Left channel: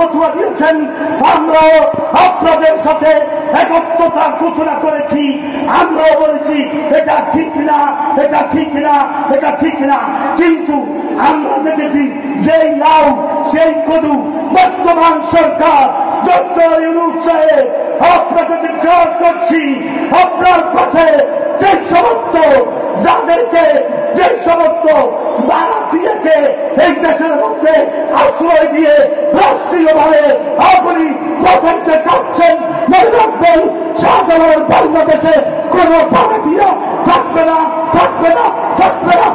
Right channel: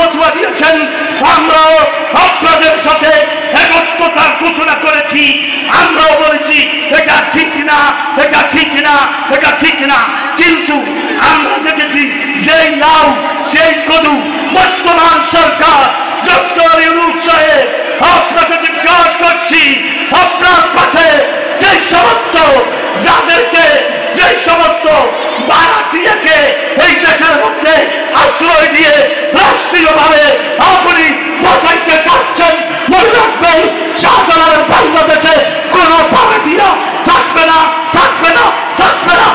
ফতোয়া দিয়েছেন, আমরাও আপনাদের সাথে একত্রতার ঘোষণা করেছি। আমরাও বলেছি এটা ঠিক না, এটা ঠিক না, এটা ঠিক না। কিন্তু আমরা দেখেছি যেই লাউ সেই কদু বর্তমান সরকার ডক্টর ইউনূস সাহেব, আপনাকে জিজ্ঞাসা করছি, আপনার পাশে যে সমস্ত যাদেরকে, যে সমস্ত বারাটিয়াকে এই দেশের মধ্যে আশ্রয় দিয়ে রাষ্ট্রীয়ভাবে আপনি বসাইতে চাচ্ছেন, মনে রাখবেন শাহজালালের বাংলাদেশে কোন বারাটিয়া থাকবে না, থাকবে না, থাকবে না।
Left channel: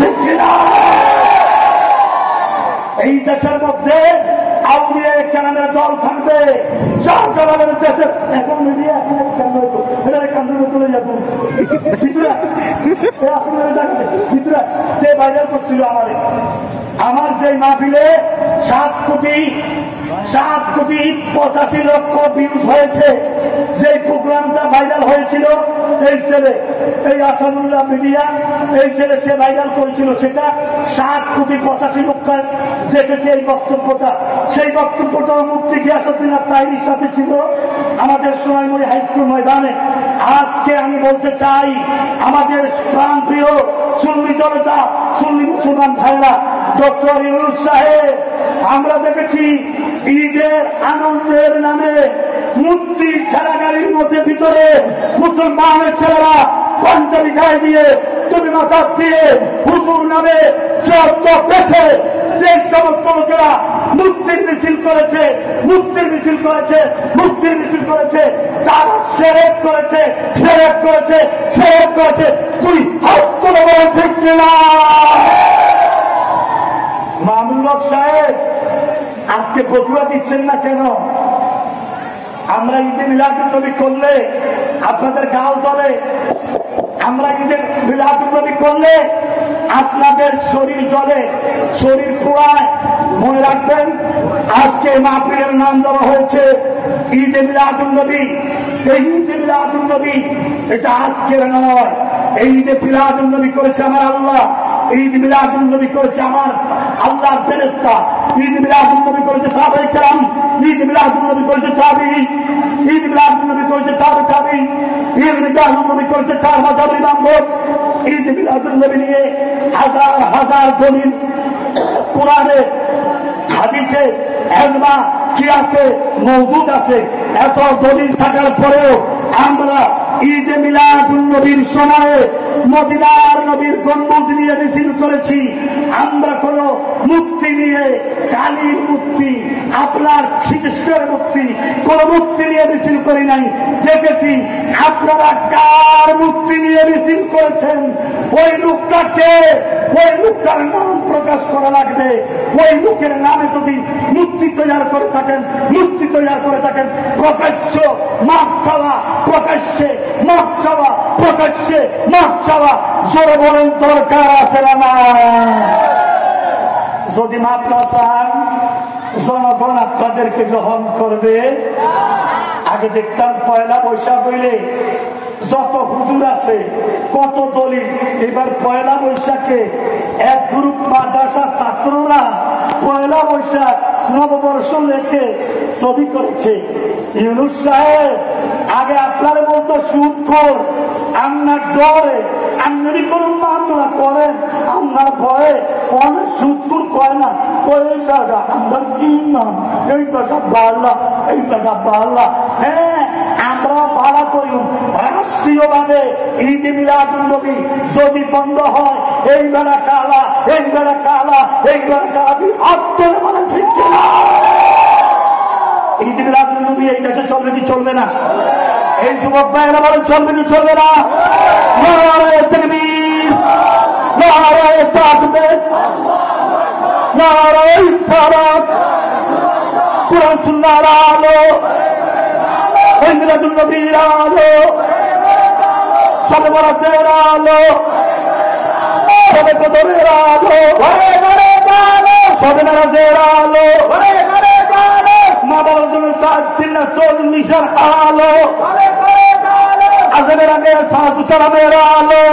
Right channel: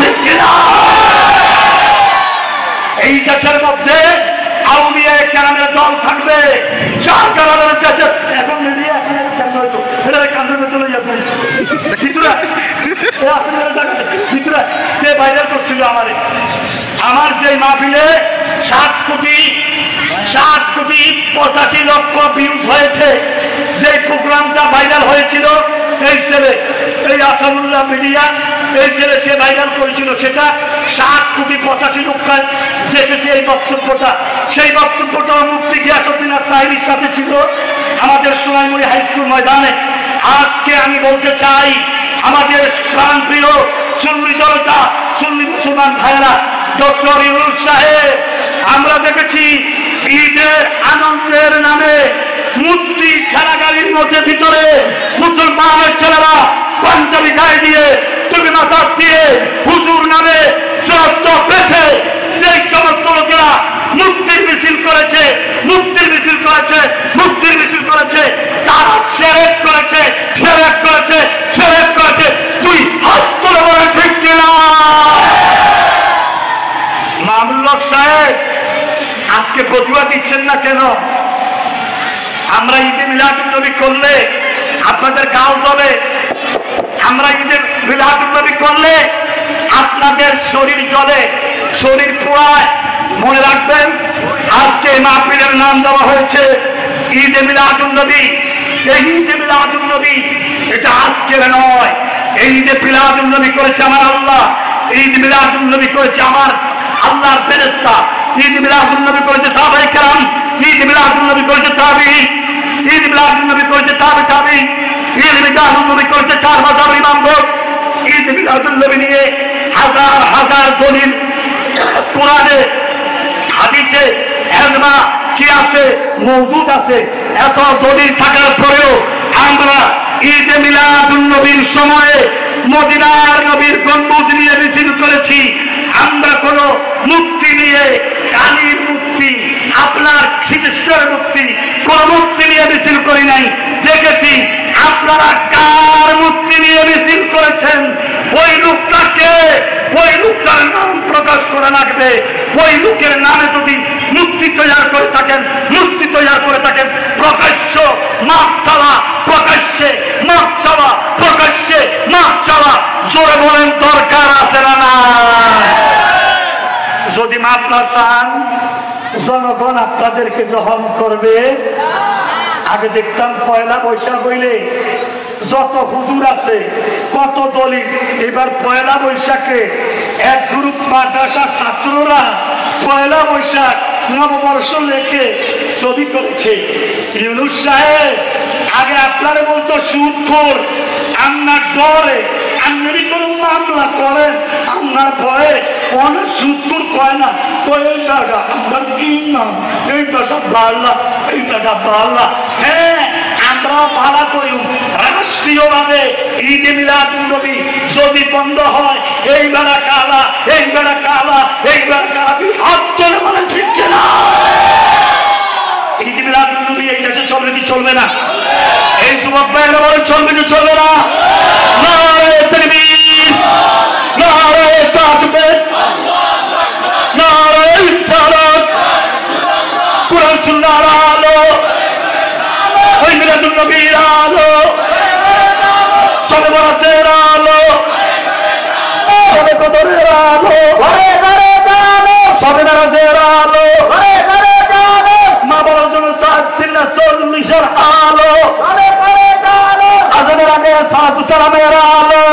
ঠিক কিনা? এই দেশের মধ্যে আউলিয়া কেরামের দল থাকবে, শাহজালালের দেশে এখন মিডিয়া চলে যাবে সে ভাইরাল করছিল আমার যে মাহফিলে 7,85,00,000 ভিউজ হয়েছে, যে প্রোগ্রামটা ভাইরাল হয়েছিল, এই ছেলে, এই আসাদুল্লাহ মিডিয়া, এই ছেলে সে ভাইরাল করেছিল, সেটা 7,85,00,000 দেখেছে এই বক্তব্যটা। সেই বক্তব্যটা মুফতি গিয়াসউদ্দিন তাহেরীর সাথে ছিল আমাদের সোনাইমুড়ি হাই স্কুল ময়দানে। আজকে আমি বলতে চাই, আমাদের প্রাণপ্রিয় সুন্নি জনতা, সুন্নি মুসলমান ভাইয়েরা, ডক্টর ইউনূস সাহেব, আমরা দেখেছি ঈদের আনন্দের নামে মূর্তি খেলাগাড়ির মধ্যে ভিতরে মুসলমানের ছেলেরা পাঞ্জাবি গায়ে দিয়ে, টুপি মাথা দিয়ে হুজুর নামে শব্দ পেছে, সেই সমস্ত লোকেরা মুক্তির মিছিল করেছে, মুক্তির মিছিল করেছে, মুক্তির মিছিল করেছে, তারা শিরক করেছে, শিরক করেছে, শিরক করেছে। তুই হাত তুলে বলেন ঠিক কিনা? মামুনুল হক সাহেব আজকে ফতোয়া দিচ্ছেন না কেন? আমরা ঈদে মিলাদুন নবী করলে আপনাদের গাও জ্বলে, আমরা ঈদে মিলাদুন নবী করলে আপনাদের শরীর জ্বলে, শরীর পোড়ায়। মনে রাখবেন, আজকে মাহফিলের নাম দেওয়া হয়েছে ঈদে মিলাদুন নবী। এই ঈদে মিলাদুন নবী এটা আজকের নয়, এই ঈদে মিলাদুন নবী করেছে আমার আল্লাহ, ঈদ মিলাদুন নবী করেছে আমার আল্লাহর ফেরেশতা, ঈদ মিলাদুন নবী করেছে সাহাবায়ে কেরাম, ঈদ মিলাদুন নবী করেছে তাবিঈন, ঈদ মিলাদুন নবী করেছে তাবিঈন, ঈদ মিলাদুন নবী করেছে 4 মাযহাবের ইমামগণ। ঈদ মিলাদুন নবী নিয়ে হাজার হাজার দলিল কোরআনে, হাদিসে, ইলমা কি আছে, মওজুদ আছে। এত দলিল থাকার পরেও আমরা ঈদে মিলাদুন নবীর সময়ে মদিনার নবীর গম্বুজ নিয়ে মিছিল করেছি। আমরা কোন মূর্তি নিয়ে, কালীর মূর্তি, আপনার সিদ্ধেশ্বরের মূর্তি, কোন মূর্তি নিয়ে মিছিল করি নাই। দেখেছি আপনারা কার মূর্তি নিয়ে মিছিল করেছেন, ওই লোকটাকে, ওই লোকটার নাম প্রকাশ করা লাগবে। ওই লোকের নামে যদি মূর্তি তৈরি করে থাকেন, মূর্তি তৈরি করে থাকেন, প্রকাশ্য মাপ চাওয়া, প্রকাশ্যে মাপ চাওয়া, প্রকাশ্যে মাপ চাওয়া, জোরে বলেন দরকার আছে না? যদি মাপ না চান, জনগণ আপনাদেরকে গ্রহণ করবে। আগে দেখতাম পয়লা বৈশাখ হইলে যত হুজুর আছে, কত দলিল। এবার পয়লা বৈশাখে এক গ্রুপ মাদ্রাসা ছাত্ররা পয়লা বৈশাখ নববর্ষ লেখে ছবি করেছে। ইউনূস সাহেব আগে আপনারা বলতো সুদখোর, আপনার ডরে আপনি কোন মামলা করেন, আপনার ভয়ে অনেক সুদখোর কয় না, এই টাকা আপনার কি নাম, এই টাকা বাড়লা, এই টাকা বাড়লা। হ্যাঁ, আমরাও ভাড়া করি রাষ্ট্রীয়ভাবে ঈদে মিলাদুন নবী যদি বন্ধ হয়, এই বেড়া কালা, এই বেড়া কালা, এই বেড়া কালা, হাত ধরে মানে ঠিক কিনা? ঈদে মিলাদুন নবী এই দেশে চলবে কি চলবে না? এই যুবক ভাইয়েরা বলে চলবে কি চলবে না? নারে তাকবীর, নারে তাকবীর, নারে সালাত, কুরআন সুন্নাহর আলো, ওই মিলাদুন নবীর আলো, শবে বরাতের আলো, শবে কদরের আলো, ঘরে ঘরে আলো, শবে মেরাজের আলো, ঘরে ঘরে আলো, মা বাবার জন্য 40 আলো, ঘরে ঘরে আলো, আজানের আগে সালাতু সালামের আলো,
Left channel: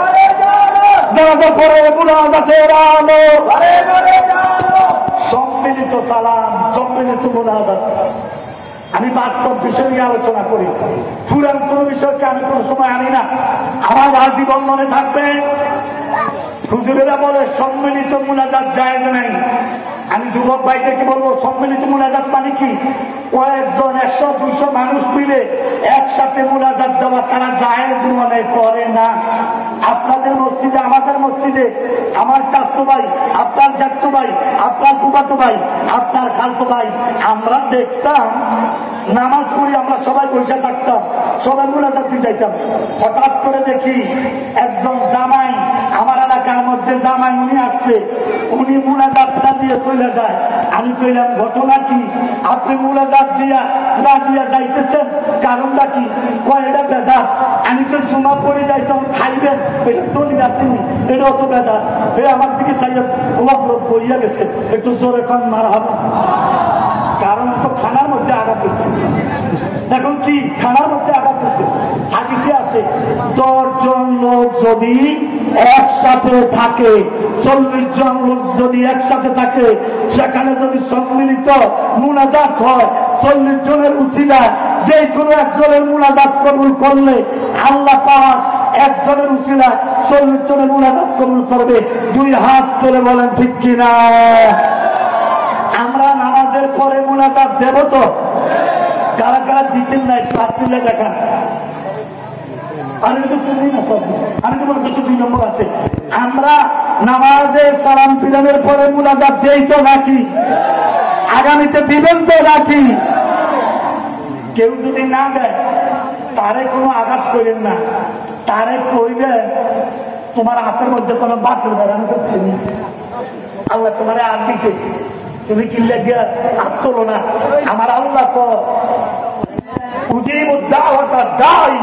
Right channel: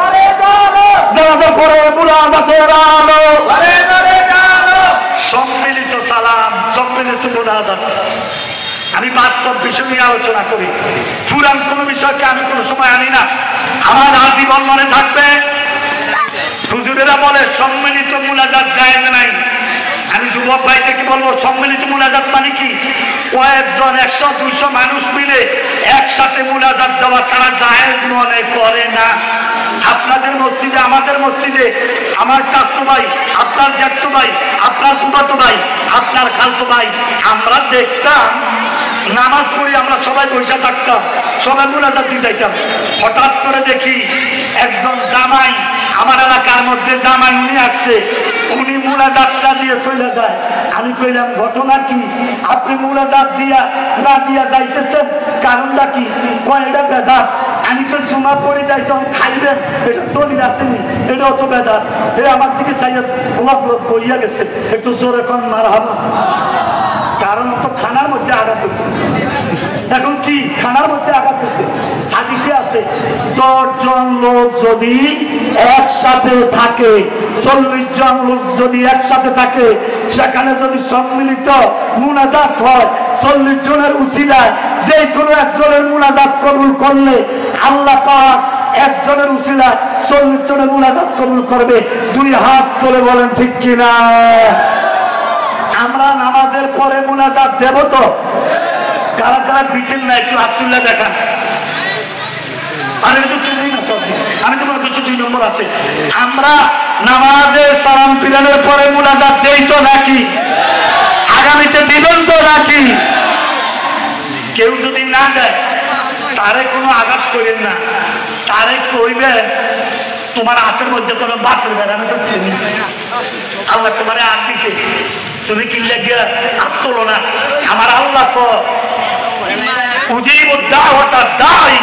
ঘরে ঘরে আলো, জানাজার পরে মুনাজাতের আলো, ঘরে ঘরে আলো, সম্মিলিত সালাম, সম্মিলিত মুনাজাত। আমি বাস্তব বিষয় নিয়ে আলোচনা করি, পুরান কোন বিষয়কে আমি কোনো সময় আনি না। আমার আজীবন মনে থাকবে, হুজুরেরা বলে সম্মিলিত মুনাজাত জায়েজ নাই। আমি যুবক ভাইদেরকে বলবো, সম্মিলিত মুনাজাত মানে কি? কয়েকজন 100-200 মানুষ মিলে একসাথে মুনাজাত দেওয়া তারা জায়েজ মনে করে না। আপনাদের মসজিদে, আমাদের মসজিদে, আমার চাচতো ভাই, আপনার জ্যাঠতো ভাই, আপনার ফুফাতো ভাই, আপনার খালতো ভাই, আমরা দেখতাম নামাজ পড়ি, আমরা সবাই বসে থাকতাম, সবাই মুনাজাত দিয়ে যাইতাম। হঠাৎ করে দেখি একজন জামাই, আমার এলাকার মধ্যে জামাই উনি আসছে, উনি মুনাজাতটা দিয়ে চলে যায়। আমি কইলাম ঘটনা কি? আপনি মুনাজাত দিয়া যাইতেছেন, কারণটা কি? কয় এটা বেদাত। আমি তো জুমা পড়ে যাই, তখন খাইবেন, এটা তৈরি আসেনি, এটা অত বেদাত। আমার দিকে চাইয়া তোমার পড়িয়া গেছে, একটু জোরে কন মারহাবা। কারণ তো খানার মধ্যে আঘাত হচ্ছে। এখন কি খানার মধ্যে আঘাত হচ্ছে? হাদিসে আছে 10 জন লোক যদি একসাথে থাকে, 40 জন লোক যদি একসাথে থাকে, সেখানে যদি সম্মিলিত মুনাজাত হয়, 40 জনের উসিলায় যে কোনো একজনের মুনাজাত কবুল করলে আল্লাহ পাক একজনের উসিলায় 40 জনের মুনাজাত কবুল করবে। 2 হাত তুলে বলেন ঠিক কিনা? আমরা নামাজের পরে মুনাজাত দেব তো? কারা কারা দিচ্ছেন না একটু হাত তুলে দেখান। আমি তো কিছু 2 নম্বর আছে। আমরা নামাজের সালাম ফিরানোর পরে মুনাজাত দেই তো নাকি? আগামীতে দিবেন তো নাকি? কেউ যদি না দেয় তারে কোনো আঘাত করেন না, তারে কইবেন তোমার হাতের মধ্যে কোনো বাতিল বেড়ানো তো চিনি, আল্লাহ তোমার আর দিছে, তুমি কিনলে গিয়ে হাত তোলো না। আমার আল্লাহ তো উজিবুদ দাওয়াতা দাঈ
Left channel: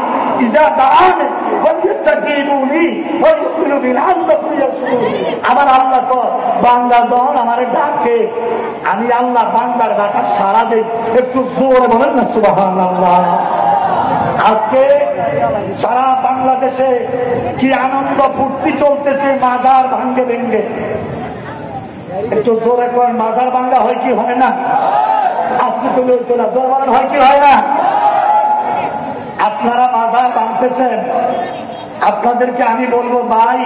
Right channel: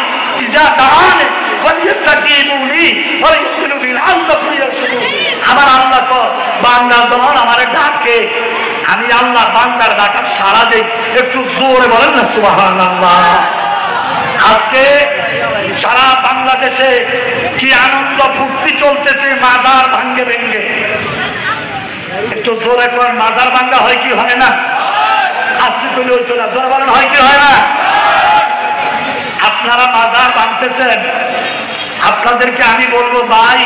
ইযা দাআনি ফালইস্তাজীবু লি ওয়া ইউমিনু বিল আল্লাহু ইয়ারশুদুন। আমার আল্লাহ তো বান্দা যখন আমারে ডাকে, আমি আল্লাহ বান্দার ডাকা সাড়া দেই। একটু জোরে বলেন না সুবহানাল্লাহ। আজকে সারা বাংলাদেশে কি আনন্দ ফুর্তি চলতেছে, মাজার ভাঙ্গে ভেঙ্গে। একটু জোরে করেন, মাজার ভাঙ্গা হয় কি হয় না? আজকে পেলে হইতো না, জোরে বলেন হয় কি হয় না? আপনারা মাজার ভাঙতেছেন, আপনাদেরকে আমি বলবো ভাই,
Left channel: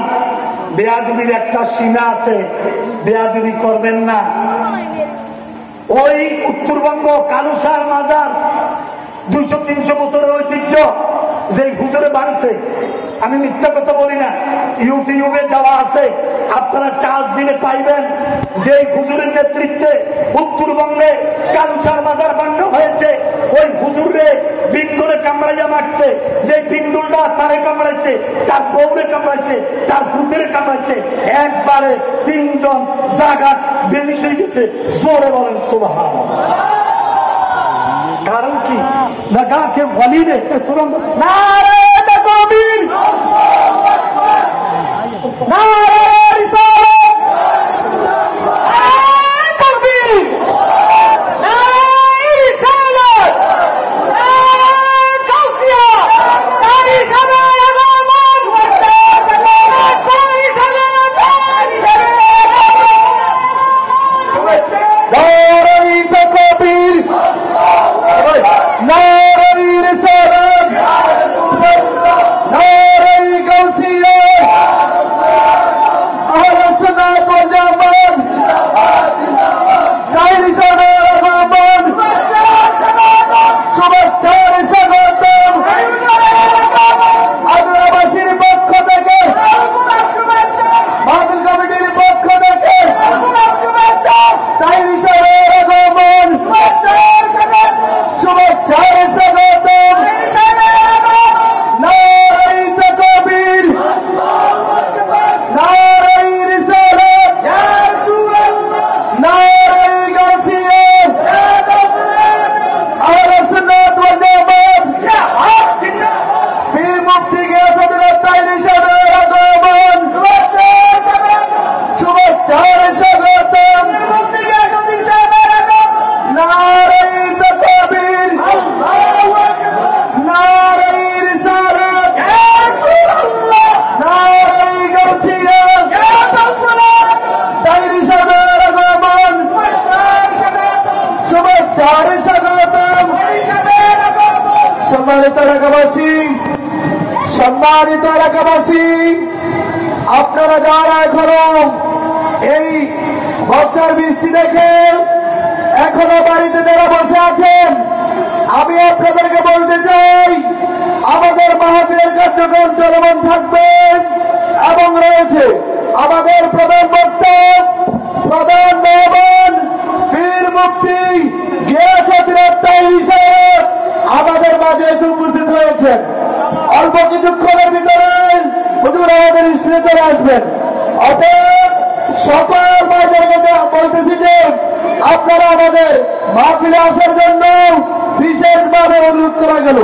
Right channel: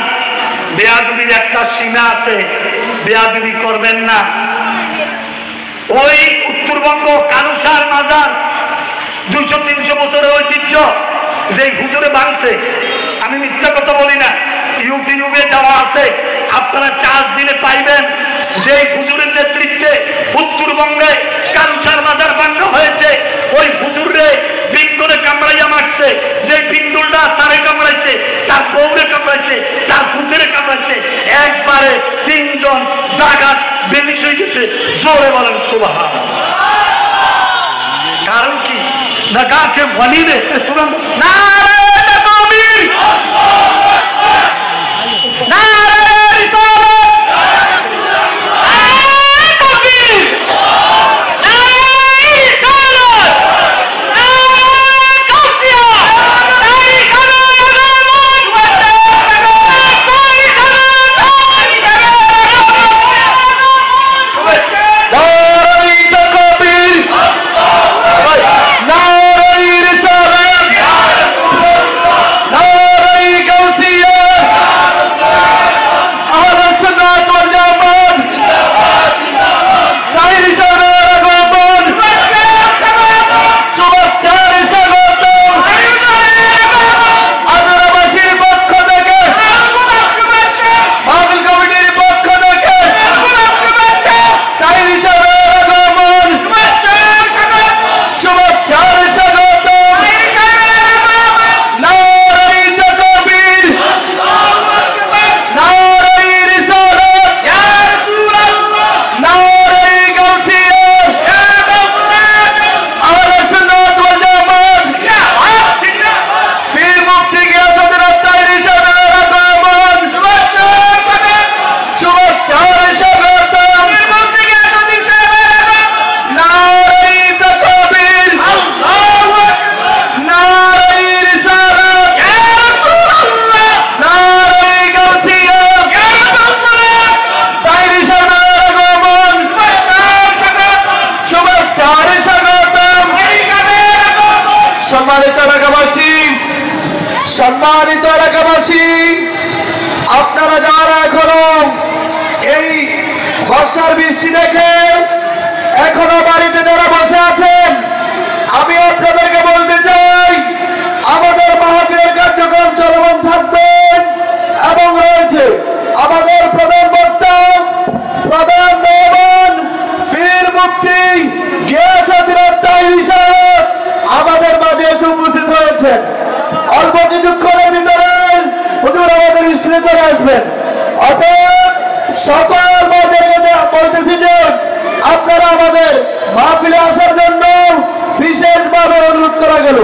বেয়াদবির একটা সীমা আছে, বেয়াদবি করবেন না। ওই উত্তরবঙ্গ কালুসার মাজার 200-300 বছরের ঐতিহ্য, যে হুজুরে ভাঙছে, আমি মিথ্যা কথা বলি না, ইউটিউবে দেওয়া আছে, আপনারা চার্জ দিলে পাইবেন। যে হুজুরের নেতৃত্বে উত্তরবঙ্গে কালুসার মাজার ভাঙা হয়েছে, ওই হুজুরে বিন্দুরে কামড়াইয়া মারছে, যে বিন্দুলটা তারে কামড়াইছে, তার বউরে কামড়াইছে, তার পুত্রে কামড়াইছে, একবারে 3 জন জাগাত বেনিশ হয়ে গেছে। জোরে বলেন সুবহানাল্লাহ। কারণ কি? না গাকে বলি রে না তাকবীর, নারে রিসালাত, নারে তাকবীর, নারে রিসালাত, নারে কাফিয়া, নারে খালামান ওয়াতা নারে খালামান, নারে তাকবীর, নারে রিসালাত, নারে গাউসিয়া, সম্মানিত এলাকাবাসী, আপনারা যারা এখনো এই বর্ষার বৃষ্টি দেখে এখনো বাড়িতে যারা বসে আছেন, আমি আপনাদেরকে বলতে চাই আমাদের মাহফিলের কার্যক্রম চলমান থাকবে এবং রয়েছে আমাদের প্রধান বক্তা, প্রধান মেহমান পীর মুফতি গিয়াসউদ্দিন আত্মাহি সাহেব আমাদের মাঝে এসে উপস্থিত হয়েছেন। অল্প কিছুক্ষণের ভিতরে হুজুর আমাদের স্টেজে চলে আসবেন। অতএব সকল ভাইদেরকে বলতেছি যে আপনারা আমাদের মাহফিলে আসার জন্য বিশেষভাবে অনুরোধ করা গেল।